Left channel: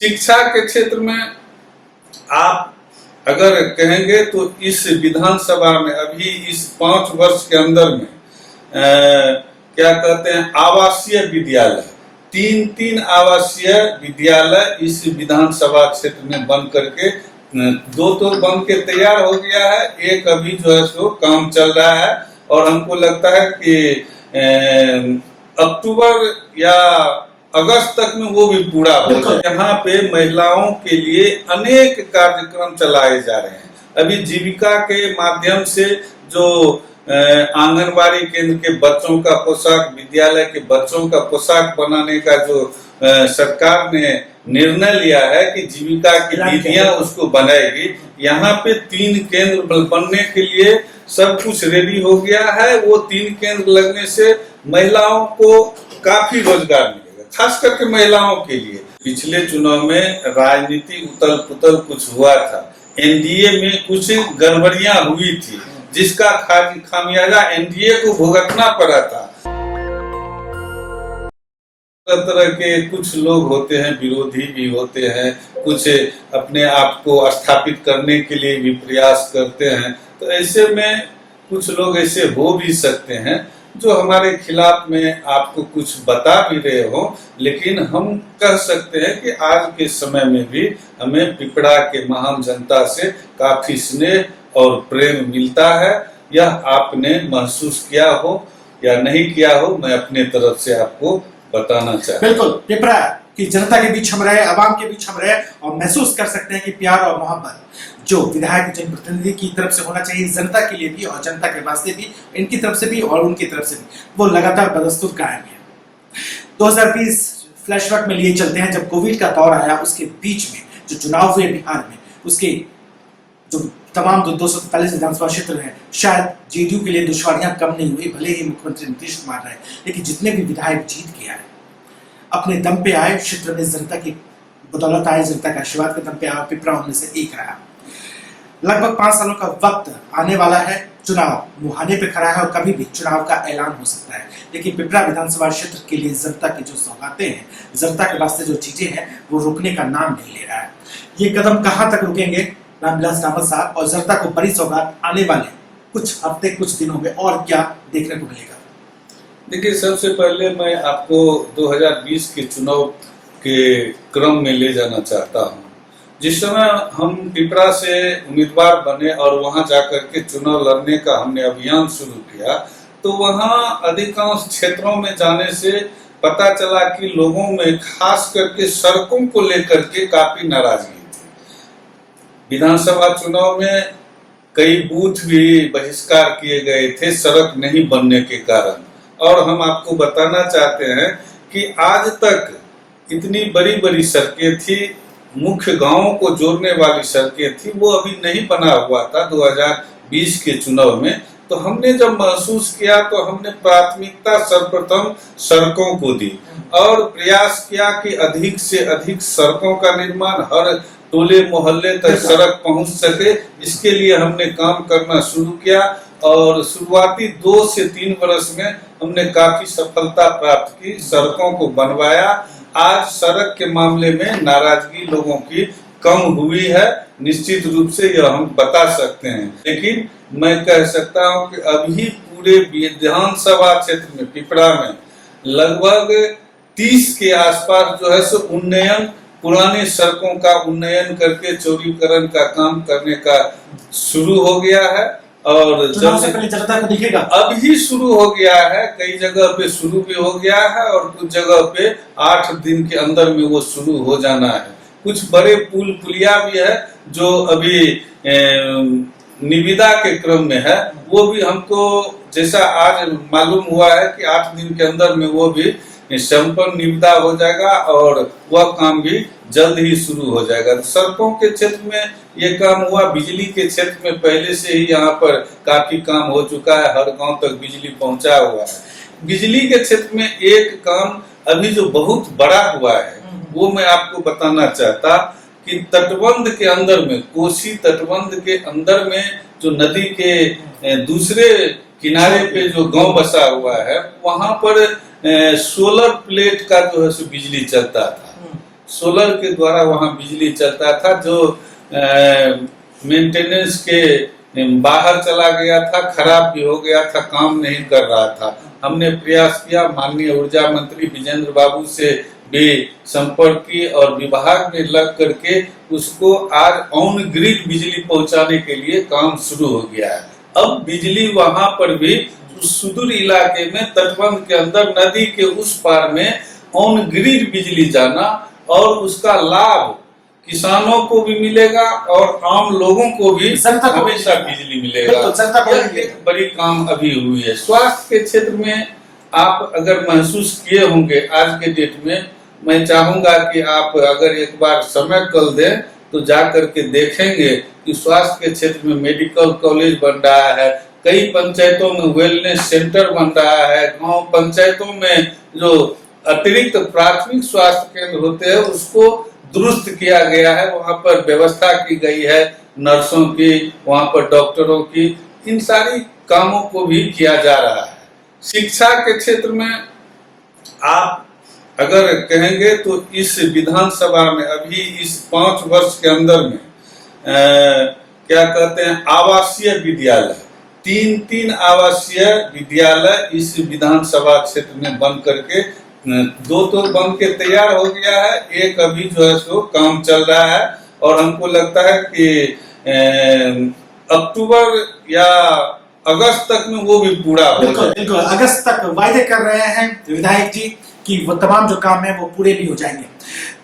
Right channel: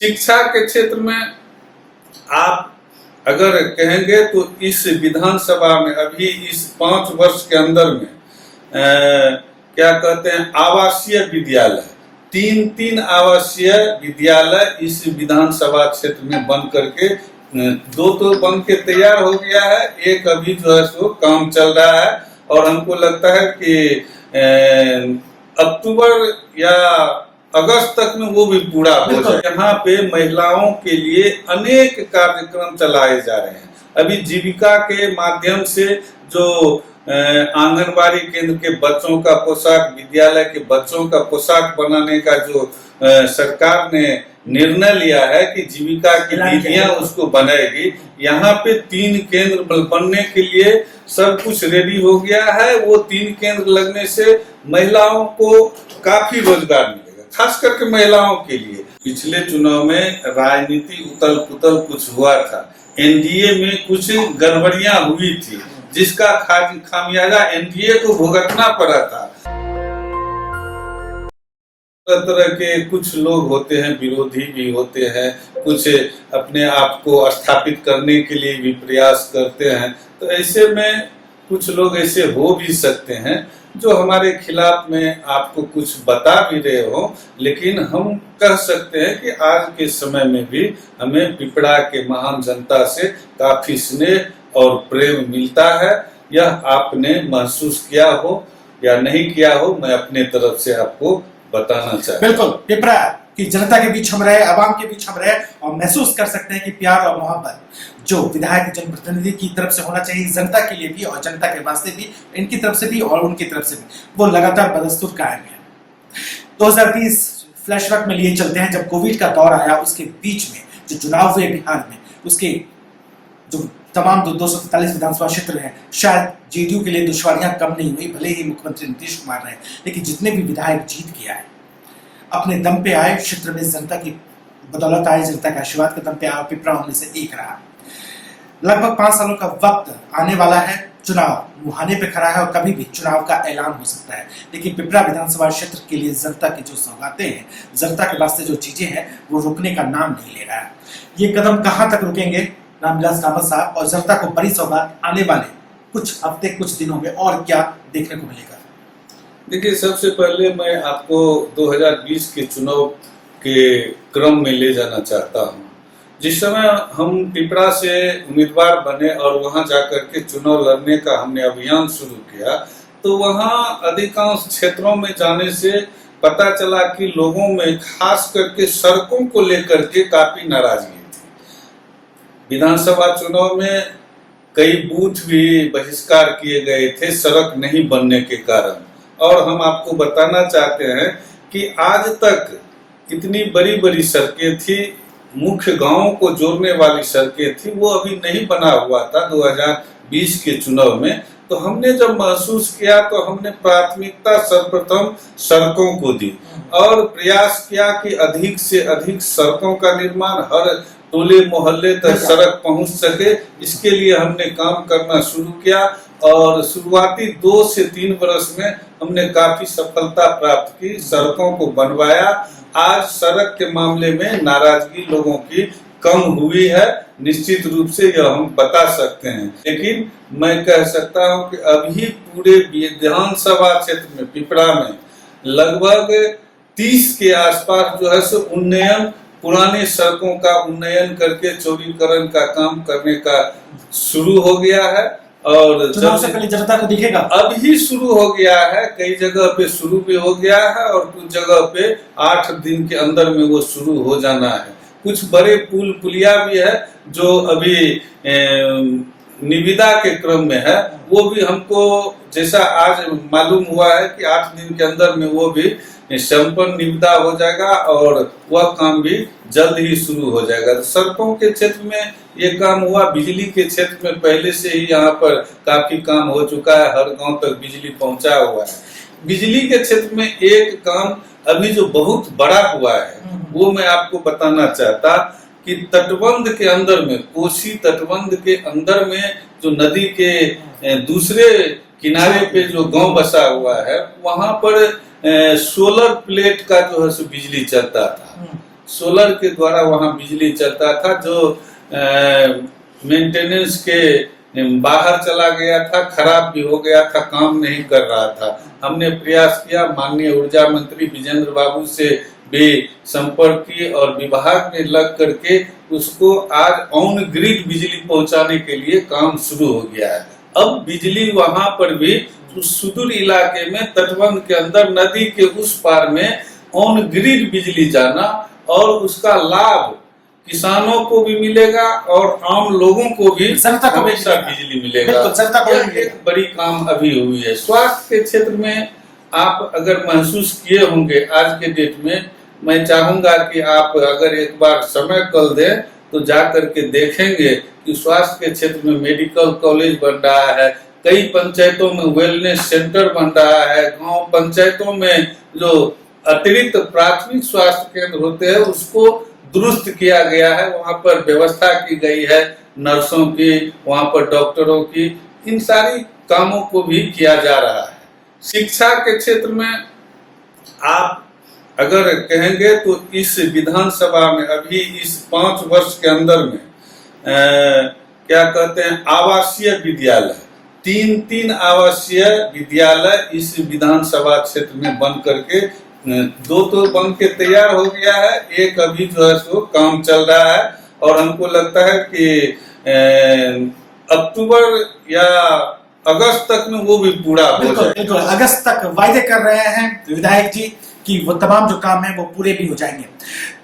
शिक्षा के क्षेत्र में आप अगर कहेंगे तो इस विधानसभा में अभी इस 5 वर्ष के अंदर में क्या कहते हैं आवासीय विद्यालय, 3 आवासीय विद्यालय इस विधानसभा क्षेत्र में बन करके 2 तो बन के तैयार हो गया है, एक अभी जो है सो काम चल रहा है और हमको लगता है कि अक्टूबर या अगस्त तक में वो भी पूरा हो जाए। यहाँ पे महिलाओं के लिए अनेक कार्यक्रम चलाए जा रहे हैं। अभी जीविका के माध्यम से जो आंगनबाड़ी केंद्र के बच्चों का पोशाक, विद्यालय के बच्चों का पोशाक बनाने का जो सरकार ने निर्णय लिया है कि जीविका की दीदियां उसको बनाएगी, यहाँ पे 3 केंद्र बनने के लिए सब कुछ रेडी हो गया है। वो 3 केंद्र लगने से महिलाओं को काफी रोजगार मिलेगा, खास करके महिलाओं के लिए। पिछले चुनाव में राजनीति उथल पुथल कुछ हुआ था, एनडीए में कुछ गड़बड़ियां हुई थी जिसका खामियाजा एनडीए को भुगतना पड़ा था। तरह के कुछ लोग होते हैं, विरोधी भी होते हैं, कुछ अपने आप को स्थापित करने के लिए भी प्रयास करते हैं। तो ऐसे में कुछ लोग ऐसे हो भी सकते हैं जो हमारे खिलाफ में आपको कुछ बता भी रहे हो, लेकिन हम कह सकते हैं कि आज के समय में भी हमें पिपरा के महान जनता से काफी स्नेह और प्रेम मिलता है। यह आपने महसूस किया हो या नहीं किया हो, मैं अपने तरफ से आपको बताना चाहता हूं। बिल्कुल, पिपरा की जनता के बीच हम रहे, आवाम के बीच हम रहे और महसूस कर सकते हैं कि प्यार और मोहब्बत जो विधायक जनप्रतिनिधि की तरफ से होना चाहिए जनता के लिए भी और जनता के वास्ते भी, इनकी तरफ से भी और उनकी तरफ से भी, वो लगातार बदस्तूर कायम है। 2020 फ्लैशबैक में लिए चलते हैं, जब कोविड का दौर आया, उसके बीच में जो चुनाव हुए बिहार में, उसके जो तमाम 243 विधानसभा क्षेत्र हैं, शायद जेडीयू के लिए दुश्वारियां कम नहीं हुई। भले ही मुख्यमंत्री नीतीश कुमार रहे, लेकिन जितने भी विधायक जीत के आए, अपने दम पे आए, क्षेत्र में जनता की बदौलत आए, जनता के आशीर्वाद के दम पे आए। पिपरा उनमें से एक रहा। लगभग 5 सालों का वक्त आने वाला है, चुनाव मुहाने पे खड़ा है और कभी भी चुनाव का ऐलान हो सकता है। लेकिन पिपरा विधानसभा क्षेत्र के लिए जनता की जो सौगातें हैं, जनता के वास्ते जो चीजें हैं, वो रुकने का नाम नहीं ले रहा है। ये कदम कहां तक रुकेंगे रामविलास रावत साहब, और जनता को बड़ी सौगात आने वाले कुछ हफ्ते, कुछ दिनों में और क्या देखने को मिलेगा? देखिए, सबसे पहले मैं आपको 2020 के चुनाव के क्रम में ले जाना चाहता हूं। जिस समय हम पिपरा से उम्मीदवार बने और वहां जाकर के चुनाव लड़ने का हमने अभियान शुरू किया, तो वहां अधिकांश क्षेत्रों में जाने से पता चला कि लोगों में खास करके सड़कों को लेकर के काफी नाराजगी थी। विधानसभा चुनाव में कई बूथ भी बहिष्कार किए गए थे सड़क नहीं बनने के कारण। और हम आपको बताना चाहते हैं कि आज तक इतनी बड़ी बड़ी सड़कें थी, मुख्य गांवों को जोड़ने वाली सड़कें थी, वो अभी नहीं बना हुआ था 2020 के चुनाव में। तो हमने जब महसूस किया तो हमने प्राथमिकता सर्वप्रथम सड़कों को दी और प्रयास किया कि अधिक से अधिक सड़कों का निर्माण हर टोले मोहल्ले तक सड़क पहुंच सके। इसके लिए हमने काम करना शुरू किया और शुरुआती 2 से 3 वर्ष में हमने काफी सफलता प्राप्त की, सड़कों को बनवाया। आज सड़क के मामले में नाराजगी लोगों की कम हुई है, निश्चित रूप से यह हम बता सकते हैं। लेकिन मैं कह सकता हूं कि अभी पूरे विधानसभा क्षेत्र में पिपरा में लगभग 30 के आसपास जो है सो उन्नयन, पुरानी सड़कों का उन्नयन करके चौड़ीकरण का काम करने का शुरू हो गया है। और चुनाव से पहले जनता को दिखेगा, अभी शुरू हो गया है, कई जगह पे शुरू भी हो गया है और कुछ जगह पे 8 दिन के अंदर में वो शुरू हो जाना है। कुछ बड़े पुल पुलिया भी है जो अभी निविदा के क्रम में है, वो भी हमको जैसा आज मालूम हुआ है कि 8 दिन के अंदर में वो भी संपूर्ण निविदा हो जाएगा और वह काम भी जल्द ही शुरू हो जाएगा। तो सड़कों के क्षेत्र में ये काम हुआ, बिजली के क्षेत्र में पहले से ही यहाँ पर काफी काम हो चुका है, हर गांव तक बिजली पहुंचा हुआ है। बिजली के क्षेत्र में एक काम अभी जो बहुत बड़ा हुआ है वो मैं आपको बताना चाहता कि तटबंध के अंदर में, कोसी तटबंध के अंदर में जो नदी के दूसरे किनारे पे जो गांव बसा हुआ है, वहां पर सोलर प्लेट का जो है बिजली चलता था। सोलर के द्वारा वहां बिजली चलता था, जो मेंटेनेंस के बाहर चला गया था, खराब भी हो गया था, काम नहीं कर रहा था। हमने प्रयास किया, माननीय ऊर्जा मंत्री विजेंद्र बाबू से भी संपर्क किए और विभाग में लग करके उसको आज ऑन ग्रिड बिजली पहुंचाने के लिए काम शुरू हो गया है। अब बिजली वहां पर भी उस सुदूर इलाके में, तटबंध के अंदर, नदी के उस पार में ऑन ग्रिड बिजली जाना और उसका लाभ किसानों को भी मिलेगा और आम लोगों को भी जनता को हमेशा बिजली मिलेगा। तो जनता को यह एक बड़ी काम अभी हुई है। स्वास्थ्य के क्षेत्र में आप अगर महसूस किए होंगे आज के डेट में, मैं चाहूंगा कि आप अगर एक बार समय कल दें तो जा करके देखेंगे कि स्वास्थ्य के क्षेत्र में मेडिकल कॉलेज बन रहा है, कई पंचायतों में वेलनेस सेंटर बन रहा है, गांव पंचायतों में जो अतिरिक्त प्राथमिक स्वास्थ्य केंद्र होते हैं उसको दुरुस्त किया गया है, वहां पर व्यवस्था की गई है नर्सों की, वहां पर डॉक्टरों की, इन सारी कामों को भी किया जा रहा है। शिक्षा के क्षेत्र में आप अगर कहेंगे तो इस विधानसभा में अभी इस 5 वर्ष के अंदर में क्या कहते हैं, आवासीय विद्यालय, 3 आवासीय विद्यालय इस विधानसभा क्षेत्र में बन करके 2 तो बन के तैयार हो गया है, एक अभी जो है सो काम चल रहा है और हमको लगता है कि अक्टूबर या अगस्त तक में वो भी पूरा हो जाएगा। बिल्कुल अगस्त तक वायदे कर रहे हैं विधायक जी कि वो तमाम जो काम है वो पूरे भी हो जाएंगे।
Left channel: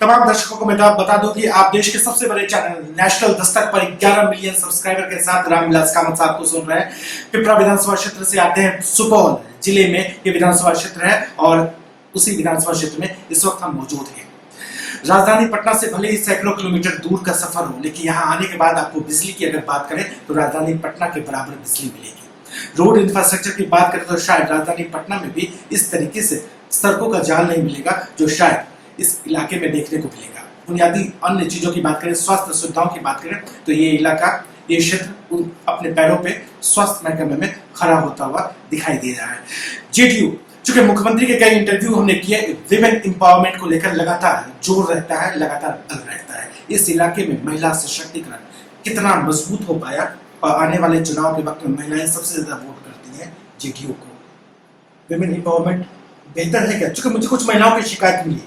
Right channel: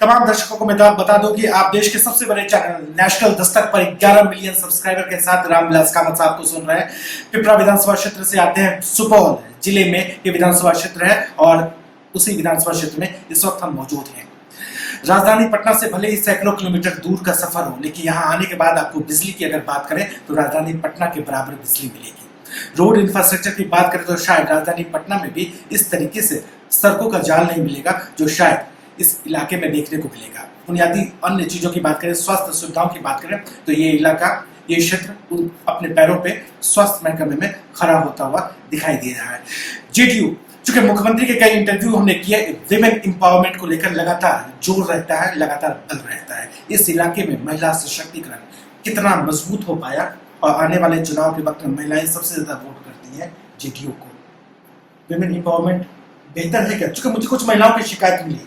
तमाम दर्शकों को मैं बता दूं कि आप देश के सबसे बड़े चैनल नेशनल दस्तक पर 11 मिलियन सब्सक्राइबर के साथ रामविलास कामत साहब को सुन रहे हैं। पिपरा विधानसभा क्षेत्र से आते हैं, सुपौल जिले में ये विधानसभा क्षेत्र है और उसी विधानसभा क्षेत्र में इस वक्त हम मौजूद हैं। राजधानी पटना से भले ही सैकड़ों किलोमीटर दूर का सफर हो, लेकिन यहाँ आने के बाद आपको बिजली की अगर बात करें तो राजधानी पटना के बराबर बिजली मिलेगी। रोड इंफ्रास्ट्रक्चर की बात करें तो शायद राजधानी पटना में भी इस तरीके से सड़कों का जाल नहीं मिलेगा जो शायद इस इलाके में देखने को मिलेगा। बुनियादी अन्य चीजों की बात करें, स्वास्थ्य सुविधाओं की बात करें तो ये इलाका, ये क्षेत्र अपने पैरों पे स्वास्थ्य महकमे में खड़ा होता हुआ दिखाई दे रहा है। जेडीयू, चूंकि मुख्यमंत्री के कई इंटरव्यू हमने किए, विमेन एम्पावरमेंट को लेकर लगातार जोर रहता है, लगातार बल रहता है। इस इलाके में महिला सशक्तिकरण कितना मजबूत हो पाया और आने वाले चुनाव के वक्त में महिलाएं सबसे ज्यादा वोट करती हैं जेडीयू को। विमेन एम्पावरमेंट बेहतर है क्या? चूंकि मुझे कुछ महिलाओं की शिकायत मिली।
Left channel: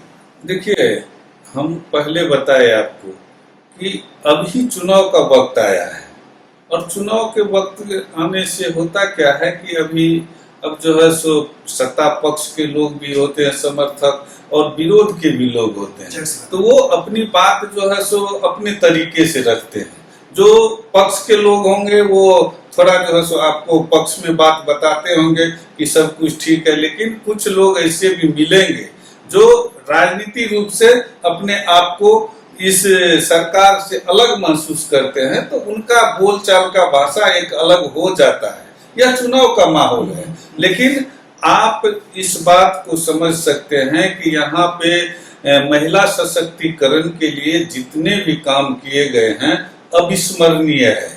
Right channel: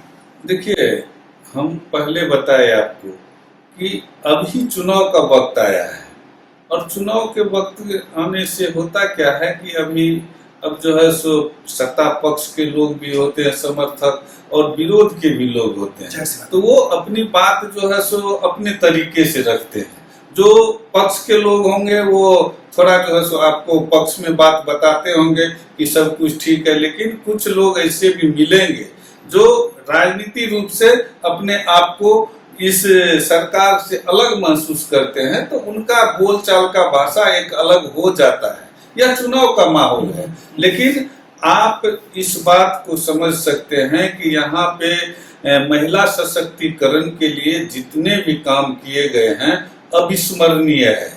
देखिए, हम पहले बताए आपको कि अभी चुनाव का वक्त आया है और चुनाव के वक्त आने से होता क्या है कि अभी अब जो है सो सत्ता पक्ष के लोग भी होते हैं समर्थक और विरोध के भी लोग होते हैं, तो वो अपनी बात जो है सो अपने तरीके से रखते हैं। जो पक्ष के लोग होंगे वो थोड़ा जो है सो आपको पक्ष में बात बताते होंगे कि सब कुछ ठीक है, लेकिन कुछ लोग ऐसे भी मिलेंगे जो राजनीतिक रूप से अपने आप को इस सरकार से अलग महसूस करते हैं, तो उनका बोलचाल का भाषा एक अलग हो जाता है। यह चुनाव का माहौल है, लेकिन आप इस बात को समझ सकते हैं कि यहाँ पे महिला सशक्तिकरण के लिए जितने भी काम किए गए हैं अविस्मरणीय है।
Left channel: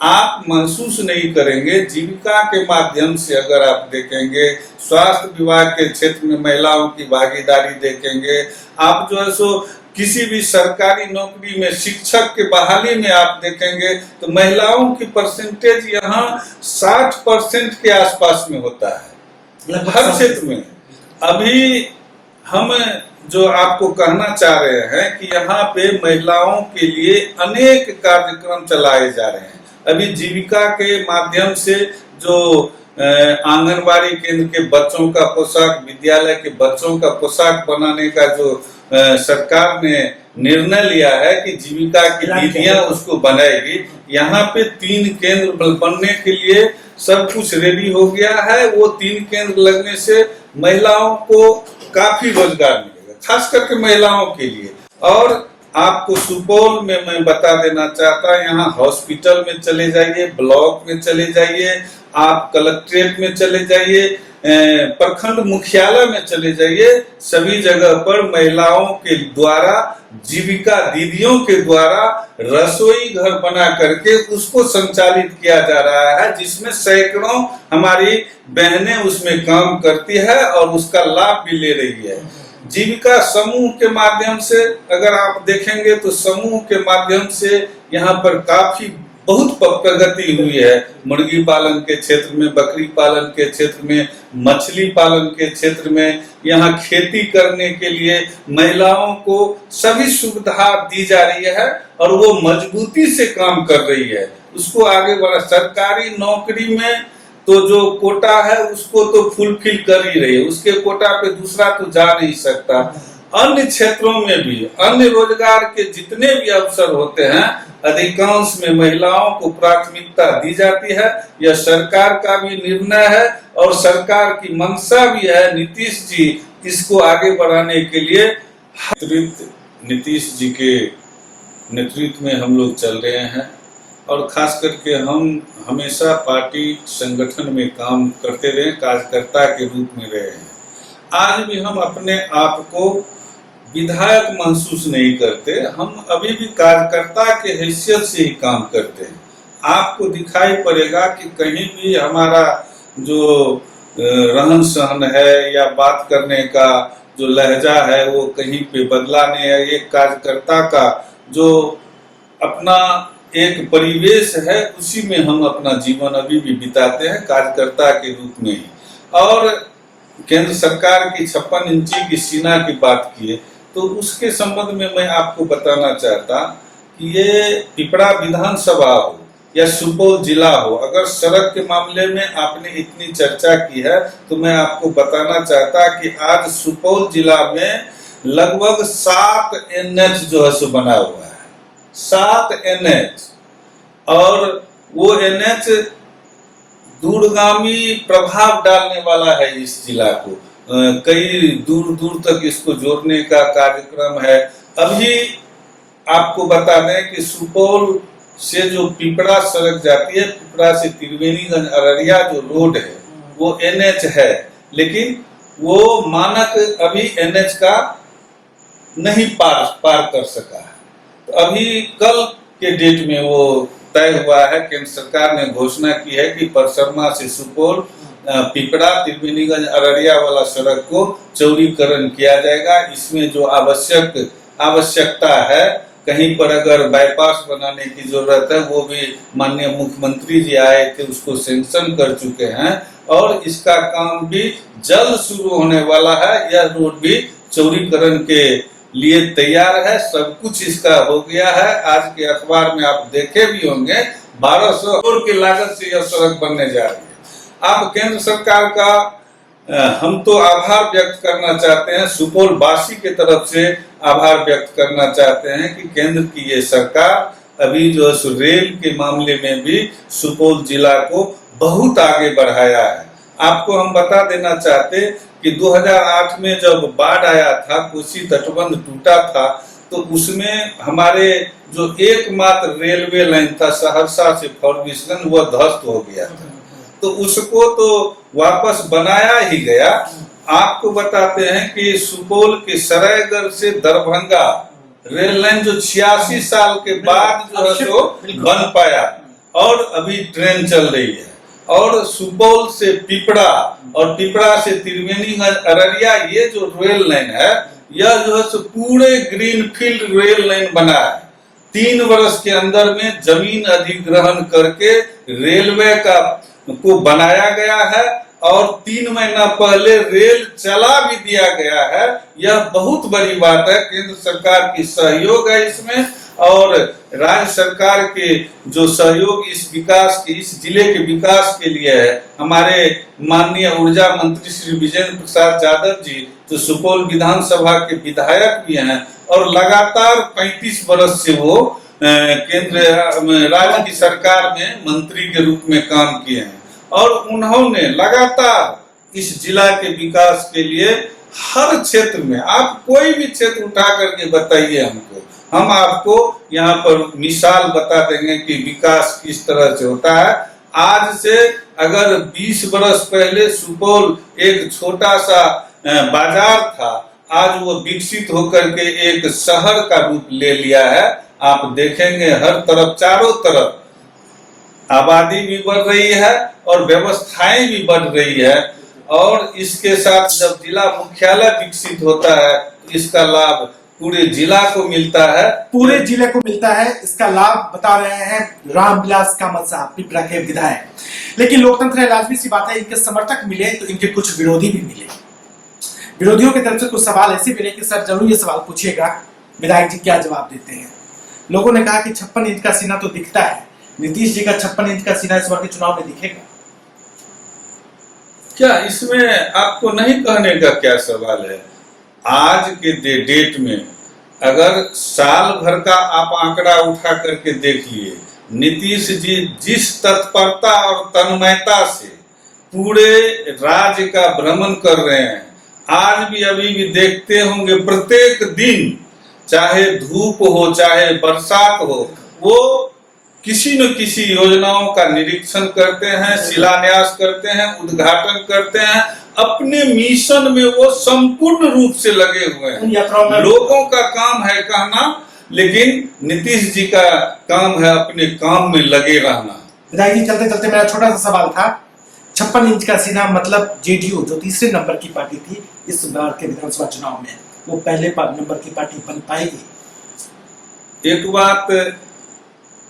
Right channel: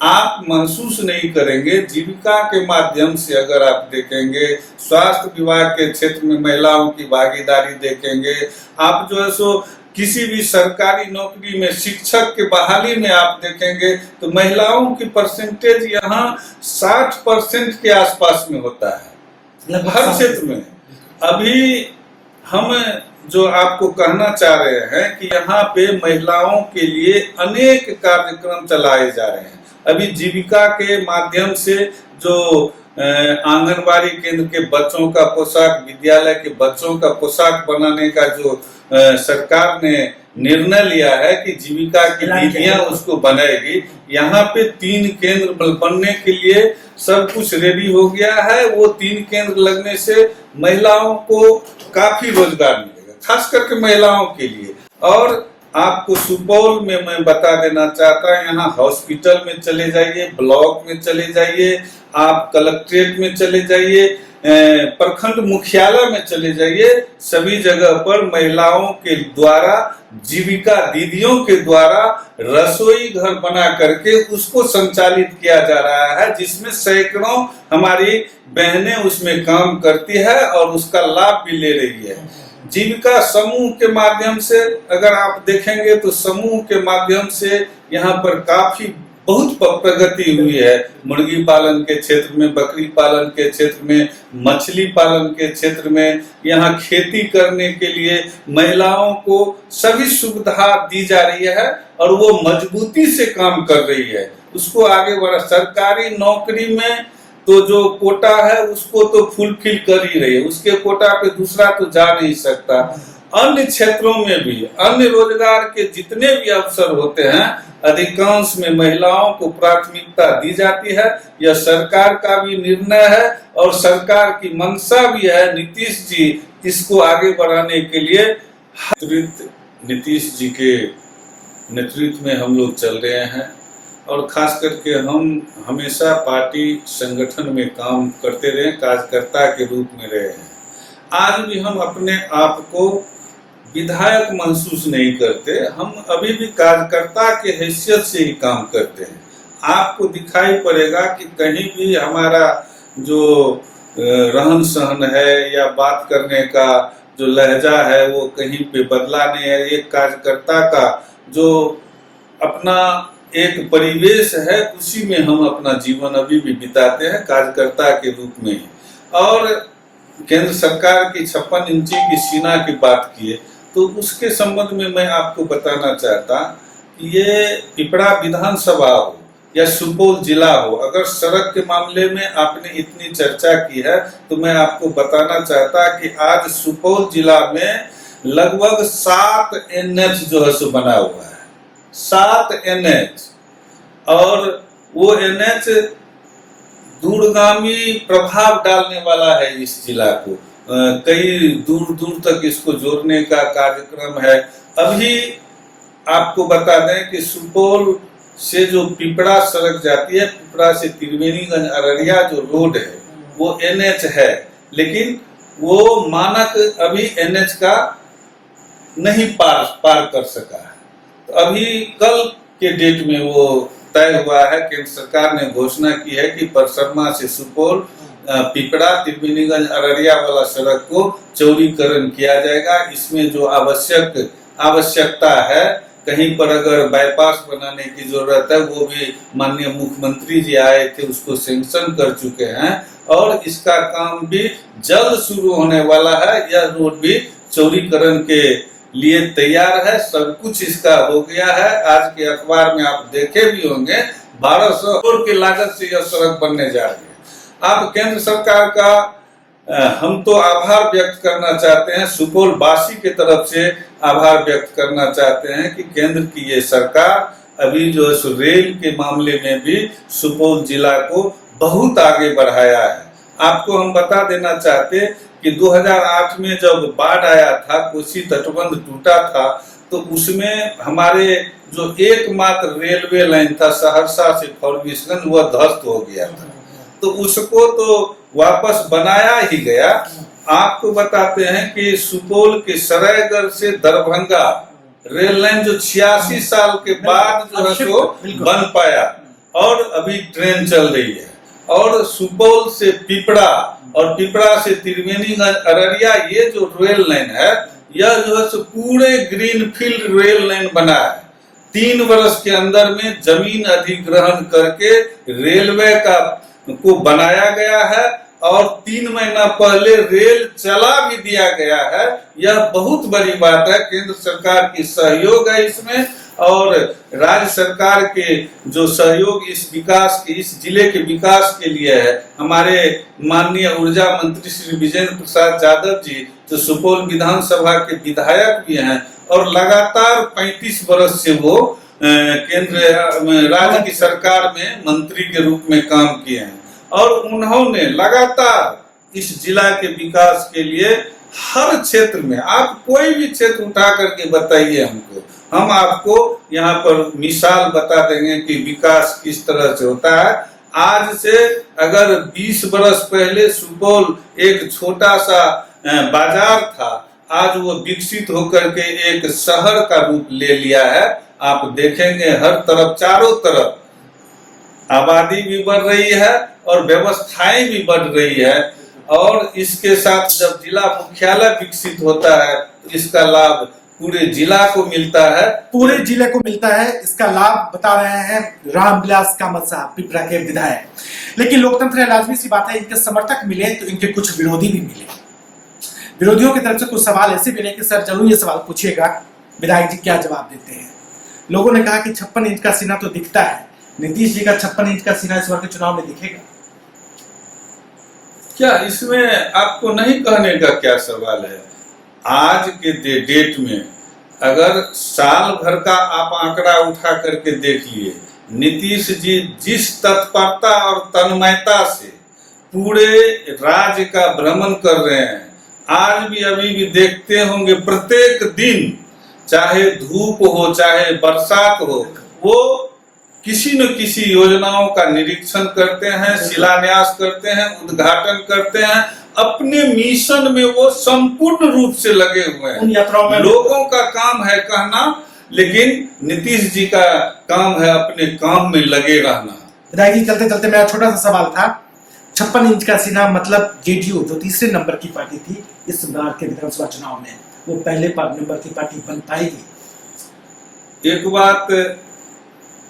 आप महसूस नहीं करेंगे। जीविका के माध्यम से अगर आप देखेंगे, स्वास्थ्य विभाग के क्षेत्र में महिलाओं की भागीदारी देखेंगे, आप जो है सो किसी भी सरकारी नौकरी में शिक्षक के बहाली में आप देखेंगे तो महिलाओं की परसेंटेज यहाँ 60% के आसपास में होता है हर क्षेत्र में। अभी हम जो आपको कहना चाह रहे हैं कि यहाँ पे महिलाओं के लिए अनेक कार्यक्रम चलाए जा रहे हैं। अभी जीविका के माध्यम से जो आंगनबाड़ी केंद्र के बच्चों का पोशाक, विद्यालय के बच्चों का पोशाक बनाने का जो सरकार ने निर्णय लिया है कि जीविका की दीदियां उसको बनाएगी, यहाँ पे 3 केंद्र बनने के लिए सब कुछ रेडी हो गया है। वो 3 केंद्र लगने से महिलाओं को काफी रोजगार मिलेगा, खास करके महिलाओं के लिए। और आपको सुपौल में मैं बता देना चाहता हूँ, यहाँ हॉस्पिटल में चले जाइए, ब्लॉक में चले जाइए, आप कलेक्ट्रेट में चले जाइए, प्रखंड मुख्यालय में चले जाइए, सभी जगह पर महिलाओं के द्वारा, जीविका दीदियों के द्वारा रसोई घर बना करके उसको संचालित किया जा रहा है, जिसमें सैकड़ों हमारी बहनें उसमें काम करती है और उसका लाभ भी ले रही है। जीविका समूह के माध्यम से अगर आप देखेंगे तो समूह के माध्यम से यहाँ पर काफी बहुत प्रगति हुई है। मुर्गी पालन के क्षेत्र में, बकरी पालन के क्षेत्र में, मछली पालन के क्षेत्र में, यहाँ खेती करने के लिए महिलाओं को सभी सुविधा दी जा रही है और वो मजबूती से काम कर रही है। उसको आगे बढ़ा। सरकारी नौकरी में तो जो कोटा है उसको तो फुलफिल कर ही रही है, उसके कोटा पे दूसरा तो जा नहीं सकता। अन्य क्षेत्रों में भी अन्य रोजगार के जितने भी अवसर होते हैं अधिकांश में महिलाओं को प्राथमिकता दी जाती है। यह सरकार का भी निर्णय है और सरकार की मंशा भी है। नीतीश जी इसको आगे बढ़ाने के लिए नीतीश जी के नेतृत्व में हम लोग चल रहे हैं और खास करके हम हमेशा पार्टी संगठन में काम करते रहे, कार्यकर्ता के रूप में रहे हैं। आज भी हम अपने आप को विधायक महसूस नहीं करते, हम अभी भी कार्यकर्ता के हैसियत से ही काम करते हैं। आपको दिखाई पड़ेगा कि कहीं भी हमारा जो रहन सहन है या बात करने का जो लहजा है वो कहीं पे बदला नहीं है। एक कार्यकर्ता का जो अपना एक परिवेश है उसी में हम अपना जीवन अभी भी बिताते हैं कार्यकर्ता के रूप में ही। और केंद्र सरकार की 56 इंची की सीना की बात की है तो उसके संबंध में मैं आपको बताना चाहता कि ये पिपरा विधानसभा हो या सुपौल जिला हो, अगर सड़क के मामले में आपने इतनी चर्चा की है तो मैं आपको बताना चाहता कि आज सुपौल जिला में लगभग 7 NH जो है सो बना हुआ है, 7 NH। और वो NH दूरगामी प्रभाव डालने वाला है इस जिला को, कई दूर दूर तक इसको जोड़ने का कार्यक्रम है। अभी आपको बता दें कि सुपौल से जो पिपरा सड़क जाती है, पिपरा से त्रिवेणीगंज अररिया जो रोड है वो NH है, लेकिन वो मानक अभी NH का नहीं पार कर सका है। तो अभी कल के डेट में वो तय हुआ है, केंद्र सरकार ने घोषणा की है कि परसरमा से सुपौल पिपरा त्रिवेणीगंज अररिया वाला सड़क को चौड़ीकरण किया जाएगा। इसमें जो आवश्यकता है, कहीं पर अगर बाईपास बनाने की जरूरत है वो भी माननीय मुख्यमंत्री जी आए थे, उसको सैंक्शन कर चुके हैं और इसका काम भी जल्द शुरू होने वाला है। यह रोड भी चौड़ीकरण के लिए तैयार है, सब कुछ इसका हो गया है। आज के अखबार में आप देखे भी होंगे 1200 करोड़ की लागत से यह सड़क बनने जा रही है। अब केंद्र सरकार का हम तो आभार व्यक्त करना चाहते हैं, सुपौल वासी के तरफ से आभार व्यक्त करना चाहते हैं कि केंद्र की ये सरकार अभी जो है रेल के मामले में भी सुपौल जिला को बहुत आगे बढ़ाया है। आपको हम बता देना चाहते कि 2008 में जब बाढ़ आया था, कोसी तटबंध टूटा था, तो उसमें हमारे जो एकमात्र रेलवे लाइन था सहरसा से फॉरबिसगंज वह ध्वस्त हो गया था, तो उसको तो वापस बनाया ही गया। आपको बताते हैं कि सुपौल के सरायगढ़ से दरभंगा रेल लाइन जो 86 साल के बाद जो है सो बन पाया और अभी ट्रेन चल रही है। और सुपौल से पिपरा और पिपरा से त्रिवेणीगंज अररिया ये जो रेल लाइन है यह जो है सो पूरे ग्रीनफील्ड रेल लाइन बना है। 3 वर्ष के अंदर में जमीन अधिग्रहण करके रेलवे को बनाया गया है और 3 महीना पहले रेल चला भी दिया गया है। यह बहुत बड़ी बात है, केंद्र सरकार की सहयोग है इसमें और राज्य सरकार के जो सहयोग इस विकास के, इस जिले के विकास के लिए है। हमारे माननीय ऊर्जा मंत्री श्री विजेंद्र प्रसाद यादव जी जो सुपौल विधानसभा के विधायक भी हैं और लगातार 35 वर्ष से वो केंद्र राज्य की सरकार में मंत्री के रूप में काम किए हैं और उन्होंने लगातार इस जिला के विकास के लिए हर क्षेत्र में, आप कोई भी क्षेत्र उठा करके बताइए हमको, हम आपको यहाँ पर मिसाल बता देंगे कि विकास किस तरह से होता है। आज से अगर 20 वर्ष पहले सुपौल एक छोटा सा बाजार था, आज वो विकसित होकर के एक शहर का रूप ले लिया है। आप देखेंगे हर तरफ, चारों तरफ आबादी भी बढ़ रही है और व्यवस्थाएं भी बढ़ रही है और इसके साथ जब जिला मुख्यालय विकसित होता है तो इसका लाभ पूरे जिला को मिलता है। पूरे जिले को मिलता है इसका लाभ, बता रहे हैं रामविलास कामत साहब, पिपरा के विधायक। लेकिन लोकतंत्र है, लाजमी सी बात है, इनके समर्थक मिले तो इनके कुछ विरोधी भी मिले। विरोधियों की तरफ से कुछ सवाल ऐसे मिले कि सर जरूर ये सवाल पूछिएगा, विधायक जी क्या जवाब देते हैं। लोगों ने कहा कि 56 इंच का सीना तो दिखता है, नीतीश जी का 56 इंच का सीना इस बार के चुनाव में दिखेगा क्या? इसमें आपको नहीं कहने का क्या सवाल है? आज के डेट में अगर साल भर का आप आंकड़ा उठा करके देखिए, नीतीश जी जिस तत्परता और तन्मयता से पूरे राज्य का भ्रमण कर रहे हैं, आज भी अभी भी देखते होंगे प्रत्येक दिन, चाहे धूप हो चाहे बरसात हो, वो किसी न किसी योजनाओं का निरीक्षण करते हैं, शिलान्यास करते हैं, उद्घाटन करते हैं। अपने मिशन में वो संपूर्ण रूप से लगे हुए हैं। लोगों का काम है कहना, लेकिन नीतीश जी का काम है अपने काम में लगे रहना। विधायक जी चलते चलते मेरा छोटा सा सवाल था, 56 इंच का सीना मतलब जेडीयू जो तीसरे नंबर की पार्टी थी इस बार के विधानसभा चुनाव में, वो पहले नंबर की पार्टी बन पाएगी? एक बात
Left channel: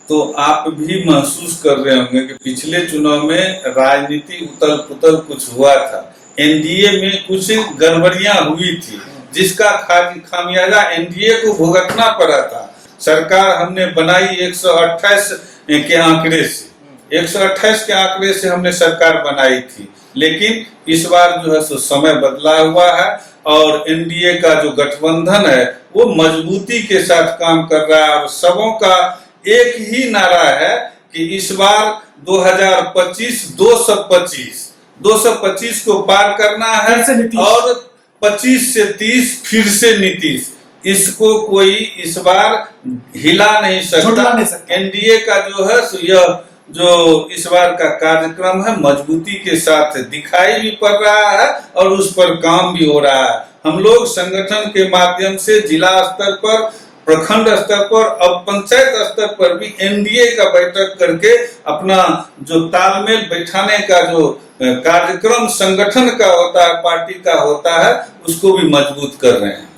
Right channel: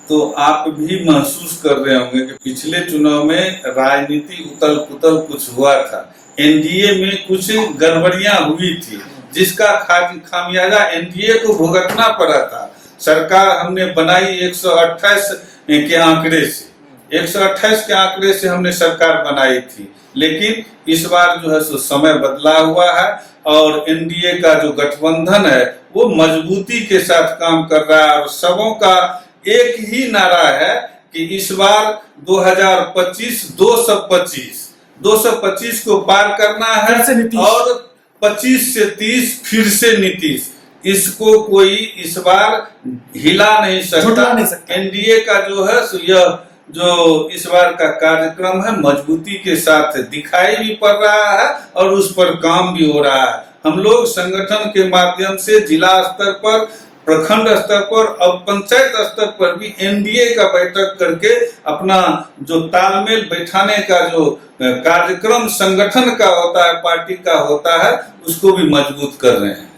तो आप भी महसूस कर रहे होंगे कि पिछले चुनाव में राजनीति उथल पुथल कुछ हुआ था, एनडीए में कुछ गड़बड़ियां हुई थी, जिसका खामियाजा एनडीए को भुगतना पड़ा था। सरकार हमने बनाई 128 के आंकड़े से, 128 के आंकड़े से हमने सरकार बनाई थी, लेकिन इस बार जो है सो समय बदला हुआ है और एनडीए का जो गठबंधन है वो मजबूती के साथ काम कर रहा है। और सबों का एक ही नारा है कि इस बार 2025 225 को पार करना है और 25 से 30 फिर से नीतीश। इसको कोई इस बार हिला नहीं सकता। एनडीए का जो है यह जो इस बार का कार्यक्रम है मजबूती के साथ दिखाई भी पड़ रहा है और उस पर काम भी हो रहा है। हम लोग संगठन के माध्यम से जिला स्तर पर, प्रखंड स्तर पर और पंचायत स्तर पर भी एनडीए का बैठक करके अपना जो तालमेल बैठाने का जो कार्यक्रम संगठन का होता है, पार्टी का होता है, उसको भी मजबूत कर रहे हैं।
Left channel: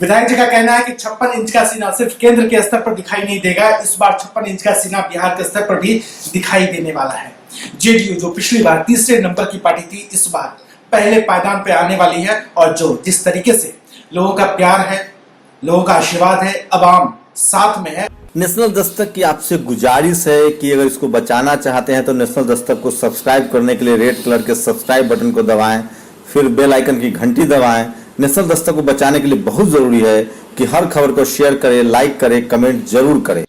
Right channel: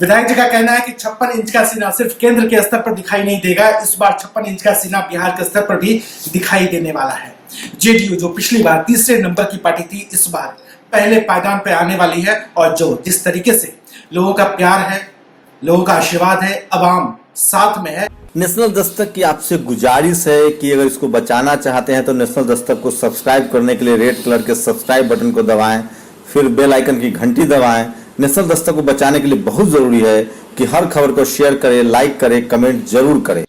विधायक जी का कहना है कि 56 इंच का सीना सिर्फ केंद्र के स्तर पर दिखाई नहीं देगा, इस बार 56 इंच का सीना बिहार के स्तर पर भी दिखाई देने वाला है। जेडीयू जो पिछली बार तीसरे नंबर की पार्टी थी, इस बार पहले पायदान पे आने वाली है और जो जिस तरीके से लोगों का प्यार है, लोगों का आशीर्वाद है, अवाम साथ में है। नेशनल दस्तक की आपसे गुजारिश है कि अगर इसको बचाना चाहते हैं तो नेशनल दस्तक को सब्सक्राइब करने के लिए रेड कलर के सब्सक्राइब बटन को दबाएं, फिर बेल आइकन की घंटी दबाएं। नेशनल दस्तक को बचाने के लिए बहुत जरूरी है कि हर खबर को शेयर करें, लाइक करें, कमेंट जरूर करें।